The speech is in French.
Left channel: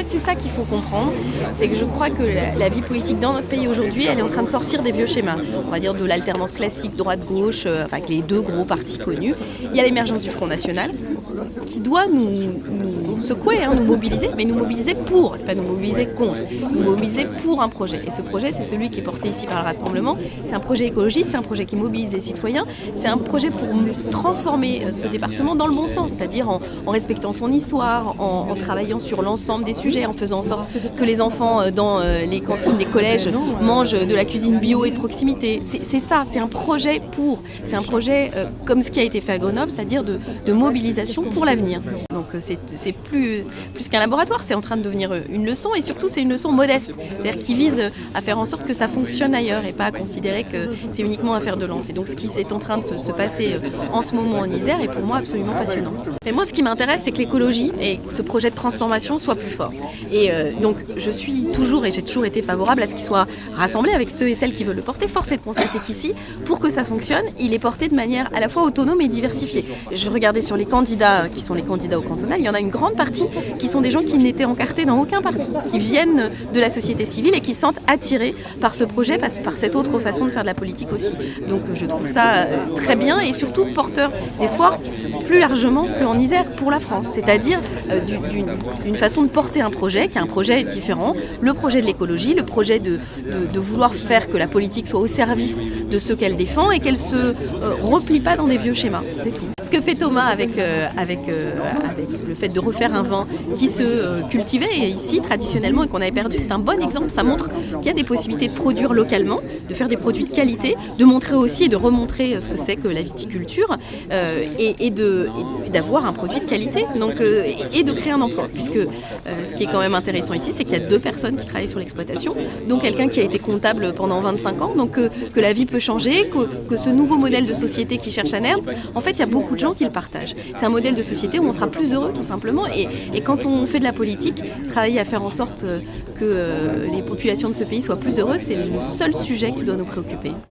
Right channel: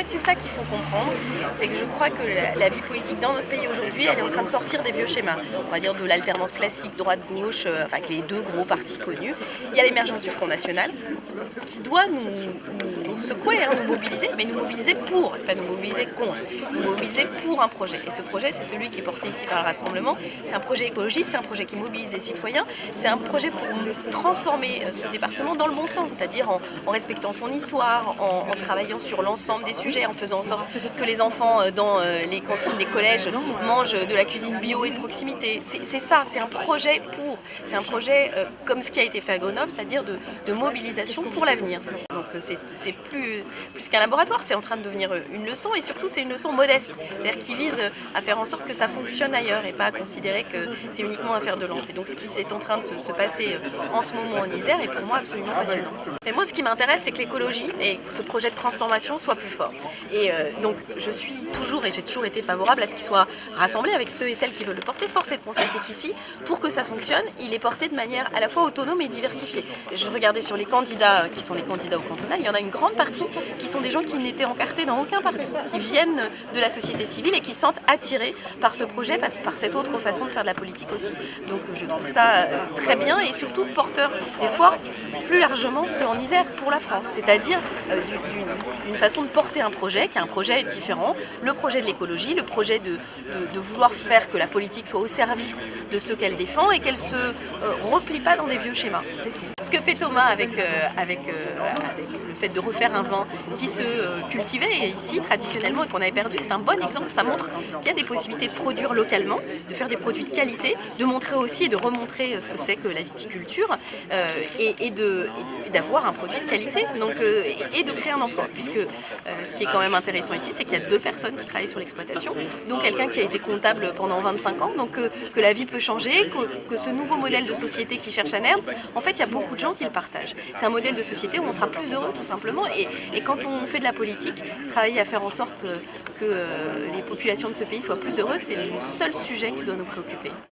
fait, c'est ça qu'il faut comprendre, c'est que je crois que la vie politique dans notre pays aujourd'hui, elle est en train de sortir des vieux schémas. On va dire de l'alternance classique droite-gauche, avec les deux gros partis connus. Il y a l'émergence du Front National, qui doit nous secouer, nous mobiliser, mais nous mobiliser pour, pas nous mobiliser contre, nous mobiliser pour un projet. Et ce projet, c'est celui qui est porté ici par le Rassemblement. C'est un projet écologiste, c'est un projet qui mobilise les citoyens, c'est un projet pour transformer ce département dans le bon sens, c'est-à-dire en respectant son histoire, en travaillant sur l'ensemble des sujets, en faisant en sorte que les enfants dans les cantines des collèges mangent de la cuisine bio et de proximité. C'est ça, c'est un projet comme ce qui a été fait à Grenoble, c'est-à-dire de mobilisation pour l'avenir. Donc c'est plus qu'un laboratoire, c'est en train de devenir une leçon et surtout c'est une leçon modeste, c'est-à-dire qui vise à faire en sorte que ça fonctionne ailleurs et pas à considérer que c'est uniquement un fer de lance. Et donc ce qui est en train de se passer en ce moment en Isère est pour moi absolument passionnant. Et moi ce qui m'intéresse c'est que l'écologie et ce projet de transformation soit plus fort. Et donc je suis toujours et j'ai toujours été favorable à ce qu'il soit rassemblé avec ceux et celles qui veulent le porter. Force est de constater qu'ici, pour que ça fonctionne, il est porté de manière à la fois autonome et diversifiée. Je regardais sur les candidats qui sont les candidats au cantonal, il y en a une grande partie qui sont des gens qui n'étaient encartés dans aucun parti, qui viennent de la société civile et qui se sentent attirés par ce projet, par cette autre façon de faire de la politique aussi. Donc je trouve ça très bien et surtout porteur d'espoir plus largement qu'en Isère pour la France, c'est-à-dire d'une façon de porter un projet qui est un projet différent, le projet de l'écologie, le projet de vouloir faire que la politique soit au service de ceux qu'elle défend et qu'elle se replie pas dans des vieux schémas, c'est tout. Ce que fait Thomas avec le fait de refaire un vin qui se cultivait ici traditionnellement et qu'on avait perdu, c'est un bon exemple, ça montre qu'il y a des possibilités de produire localement, de faire des produits de qualité, de montrer aussi et de remontrer ce que c'est que la viticulture et d'avoir un produit de qualité donc, et de créer un emploi, puisque ce qui est quand même intéressant ici, c'est qu'il y a 2 personnes qui travaillent sur l'exploitation, donc quelqu'un qui a été comptable pendant 25 ans, donc que la vie peut changer, que ce nouveau modèle de société qui cherche à naître, en fait il y a beaucoup de gens qui le partagent. C'est un modèle de société où on sera plus heureux tout simplement et quand on fait de la politique, travailler à faire en sorte que les populations de ce pays soient plus heureuses, c'est le seul sujet qui doit nous préoccuper.